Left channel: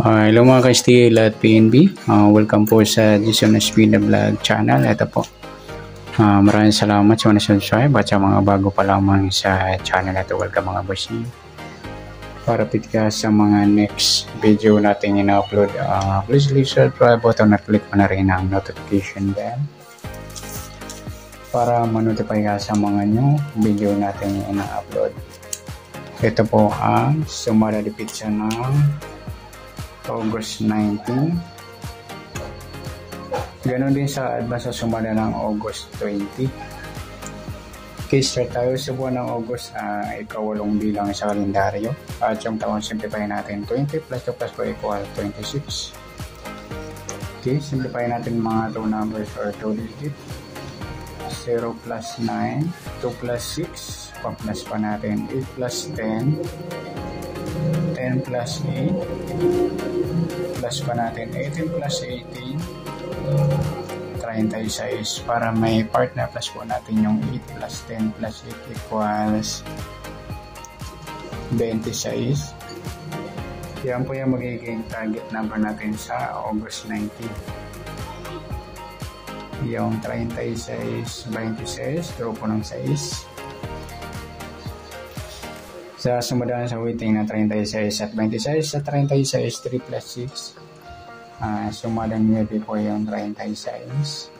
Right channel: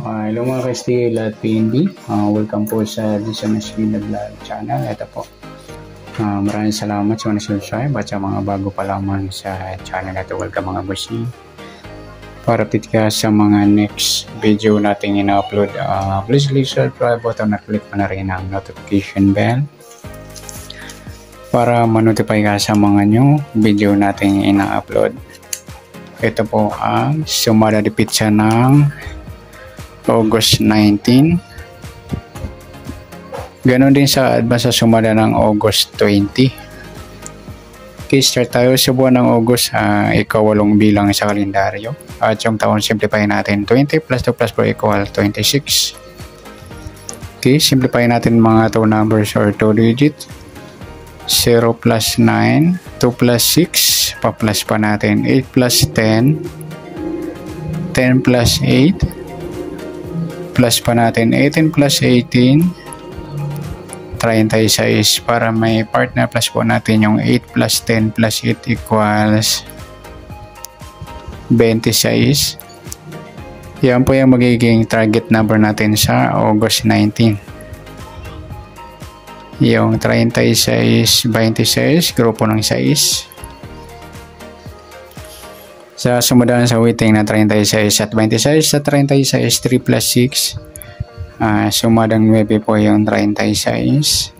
Hello mga ka-STL at PNB. Welcome po sa Jason Espina Vlog channel. Ito po. Maraming salamat sa mga subscribe at sa mga bago pa lamang sa channel ito. Welcome mga bossing. Para update ka sa mga next video natin ina-upload, please click subscribe button at click mo na rin ang notification bell para ma-notify ka sa mga new video natin ina-upload. Ito po ang sumada de pizza ng August 19. Ganon din sa advance sa sumada ng August 20. Okay, start tayo sa buwan ng August, ikawalong bilang sa kalendaryo. At yung taon, simplify natin 20 plus 2 plus 4 equal 26. Okay, simplify natin mga 2 numbers or 2 digit. 0 plus 9, 2 plus 6, pa-plus pa natin 8 plus 10, 10 plus 8, plus pa natin 18 plus 18, 36. Para may partner plus po natin yung 8 plus 10 plus 8 equals 26. Yan po yung magiging target number natin sa August 19. Yung 36, 26, grupo ng 6. Sa sumundan sa waiting na 36 at 26 sa 36, 3 plus 6, sumadang 9 po yung 36.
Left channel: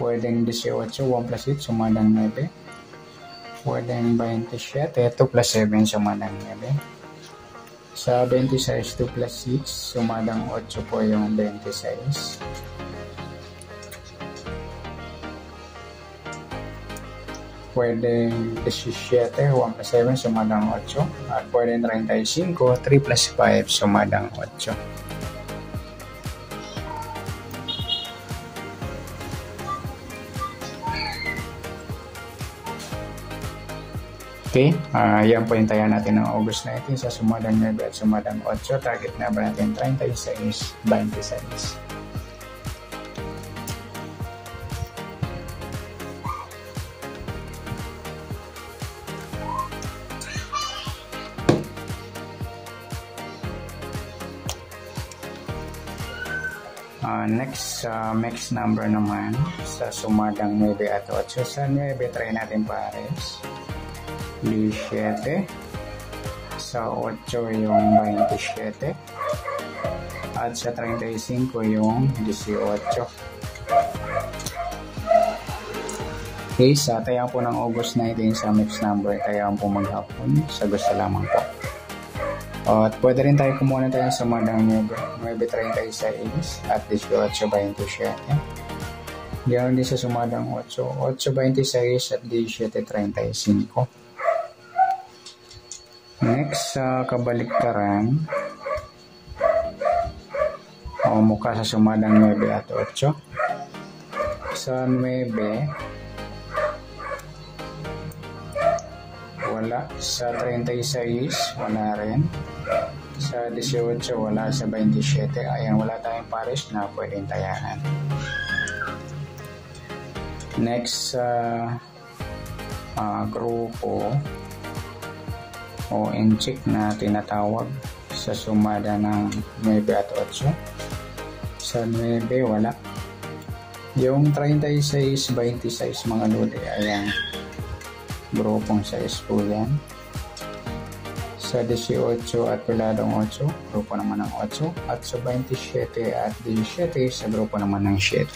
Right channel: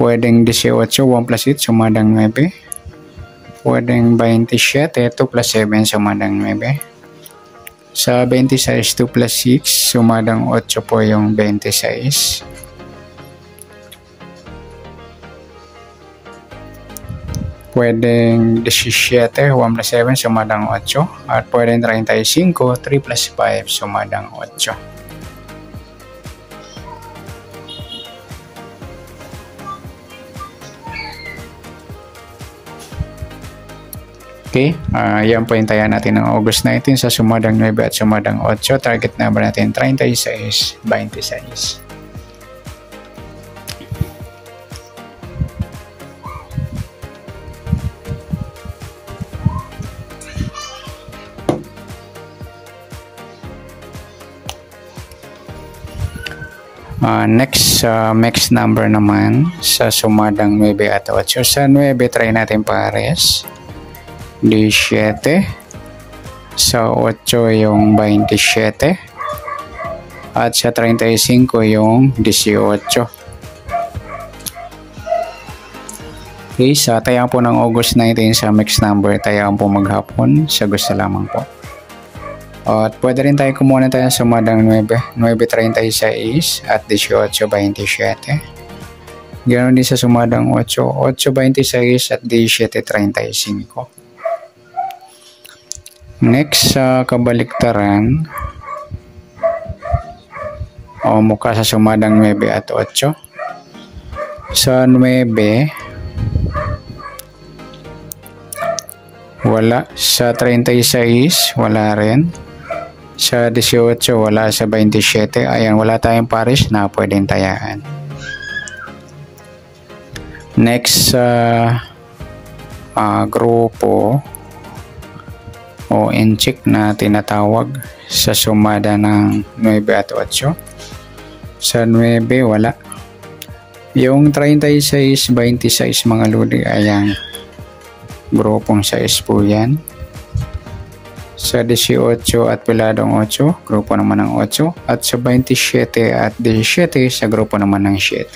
Pwedeng 18, 1 plus 8, sumadang 9. Pwedeng 27, 2 plus 7, sumadang 9. Sa 26, 2 plus 6, sumadang 8 po yung 26. Pwedeng 17, 1 plus 7, sumadang 8. At pwedeng 35, 3 plus 5, sumadang 8. Okay, yan po yung tayan natin ng August 19 sa sumadang 9 at sumadang 8. Target number natin 36, 26. Next number naman sa sumadang 9 at 8. Sa 9 try natin pares 17, sa 8 yung 27, at sa 35 yung 18. Okay, sa tayang po ng August 19 sa mixed number, tayang po maghapon sa gusto lamang po. At pwede rin tayo kumuha tayo sa sumadang 9.36 at 18.27. Ganoon din sa sumadang 8.26 at 17.35. Next sa kabaliktaran, o mukha sa sumadang 9 at 8. Sa 9, wala. Sa 36, wala rin. Sa 18, wala. Sa 27, ayan, wala tayong pares na pwedeng tayaan. Next sa grupo o incheck na tinatawag sa sumada ng 9 at 8. Sa 9, wala. Yung 36, 26 mga lodi, ayan, grupong 6 po yan. Sa 18 at piladong 8, grupo naman ng 8. At sa 27 at 17, sa grupo naman ng 7.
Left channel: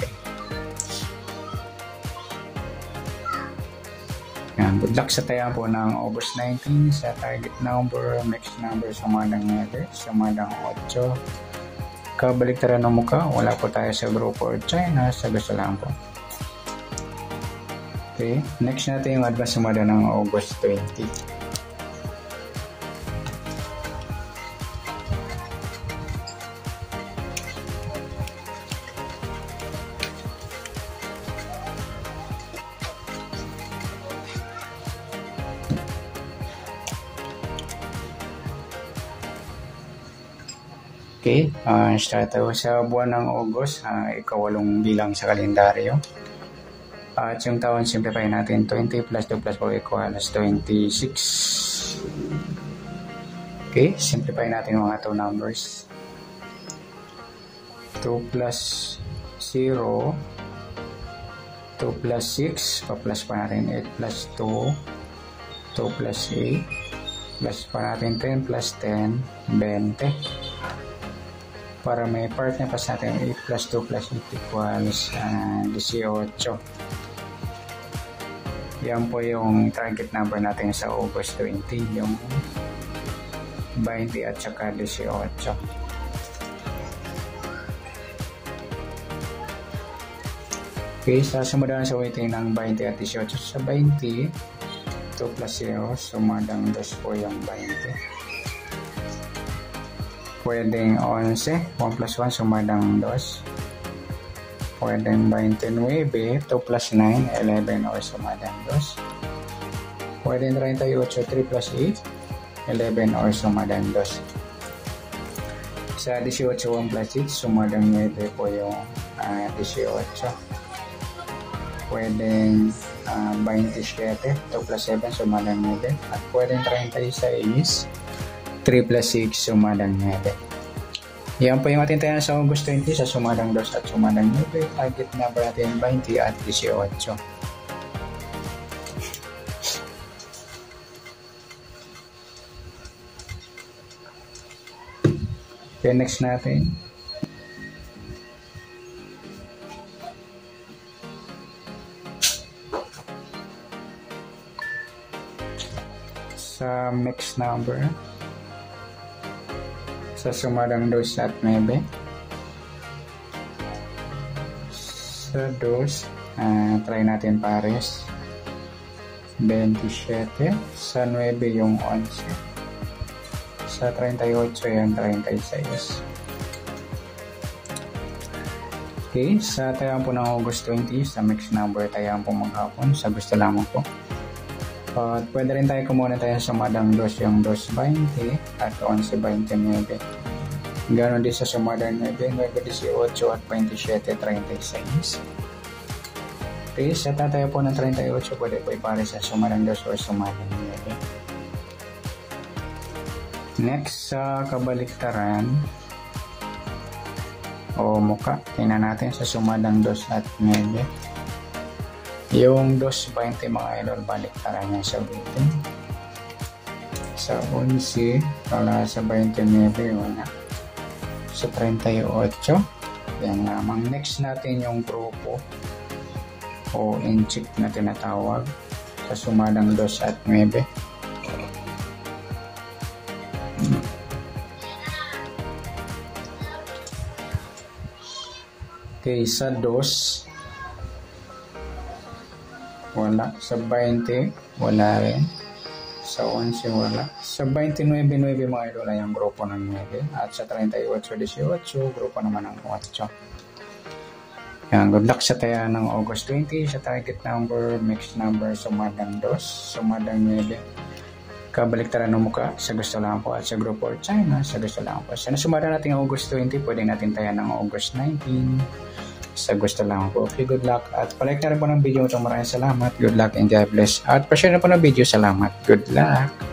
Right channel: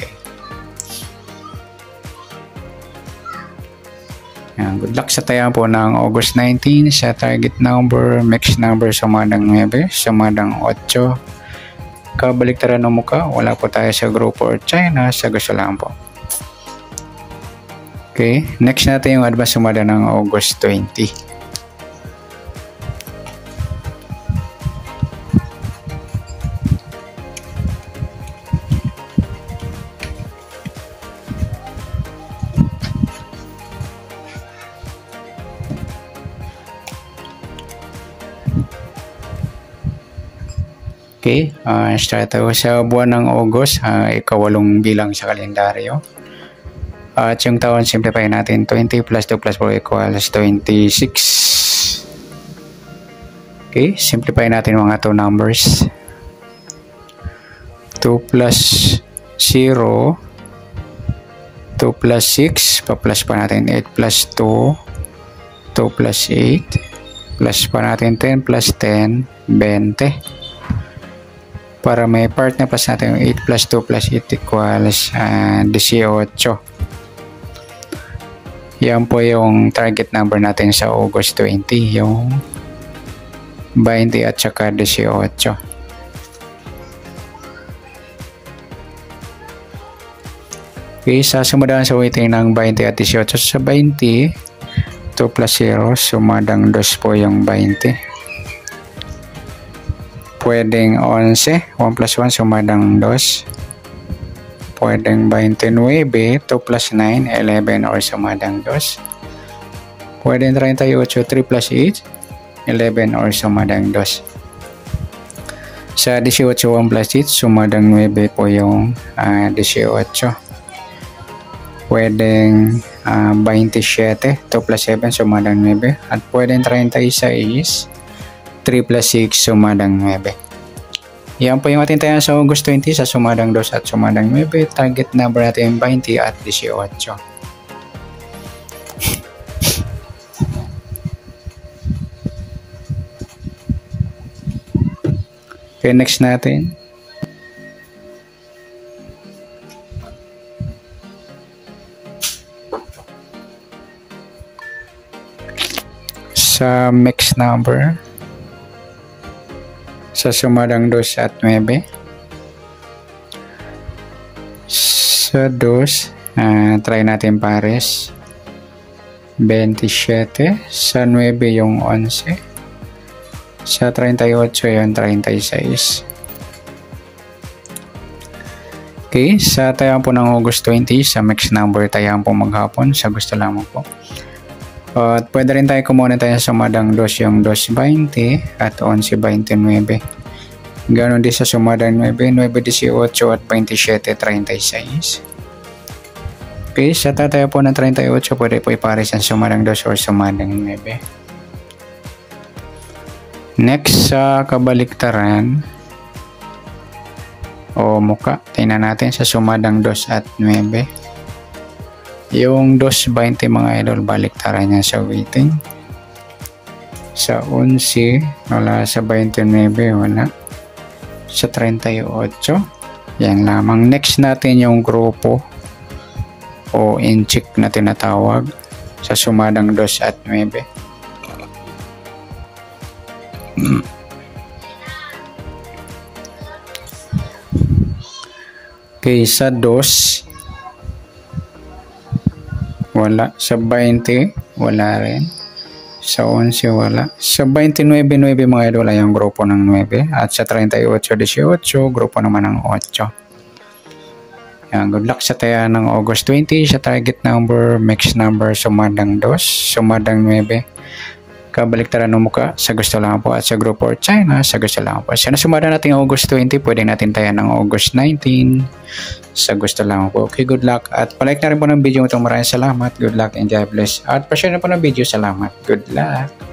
Yan. Good luck sa tayan po ng August 19 sa target number, mixed number, sumadang 9, sumadang 8. Kabaliktaran ng mukha, wala po tayo sa grupo or China, sa gusto lang po. Okay, next natin yung advance sumada ng August 20. Okay, start tayo sa buwan ng August, ikawalong bilang sa kalendaryo. At yung taon, simplify natin 20 plus 2 plus 4 equals 26. Okay, simplify natin mga 2 numbers. 2 plus 0, 2 plus 6, pa-plus pa natin 8 plus 2, 2 plus 8, plus pa natin 10 plus 10, 20. Para may part na plus natin yung 8 plus 2 plus 8 equals 18. Yan po yung target number natin sa August 20, yung 20 at saka 18. Okay, sa sumadaan sa weighting ng 20 at 18. Sa 20, 2 plus 0, sumadang 2 po yung 20. Pwedeng 11, 1 plus 1, sumadang 2. Pwedeng 29, 2 plus 9, 11 or sumadang 2. Pwedeng 38, 3 plus 8, 11 or sumadang 2. Sa 18, 1 plus 8, sumadang 9 po yung 18. Pwedeng 27, 2 plus 7, sumadang 9. At pwedeng 36, 3 plus 6, sumadang 9. Yan po yung ating tayo sa August 20 sa sumadang 2 at sumadang 9. Target number natin 20 at 18. Okay, next natin. Sa mixed number. Sa sumadang 2 at 9. Sa 2, try natin pares. 27. Sa 9 yung 11. Sa 38 yung 36. Okay, sa tayaan po ng August 20, sa mixed number tayaan po maghapon. Sa gusto lamang po. At pwede rin tayo kumuha tayo sa sumadang 2 yung 2.20 at 11.29. Ganon din sa sumadang 9, 9.18 at 27.36. Okay, sa tatayo po ng 38, pwede po ipares ang sumadang 2 or sumadang 9. Next, sa kabaliktaran o muka, tingnan natin sa sumadang 2 at 9. Yung 2.20 mga idol, baliktaran niya sa weighting. Sa 11, wala. Sa 29, wala. Sa 38, yan lamang. Next natin yung grupo o incheck na tinatawag sa sumadang 2 at 9. Okay, sa 2, wala. Sa 20, wala rin. Sa 11, wala. Sa 29, 9 mga idol ay ang grupo ng 9. At sa 38, 18, grupo naman ng 8. Yan, good luck sa taya ng August 20. Sa target number, mixed number, sumadang 2, sumadang 9. Kabaliktaran ng muka, sa gusto lang po. At sa grupo or China, sa gusto lang po. Sa nasumada natin August 20, pwede natin taya ng August 19. Sa gusto lang po. Okay, good luck. At palike na rin po ng video ito. Maraming salamat. Good luck and God bless. At pa-share na po ng video. Salamat. Good luck.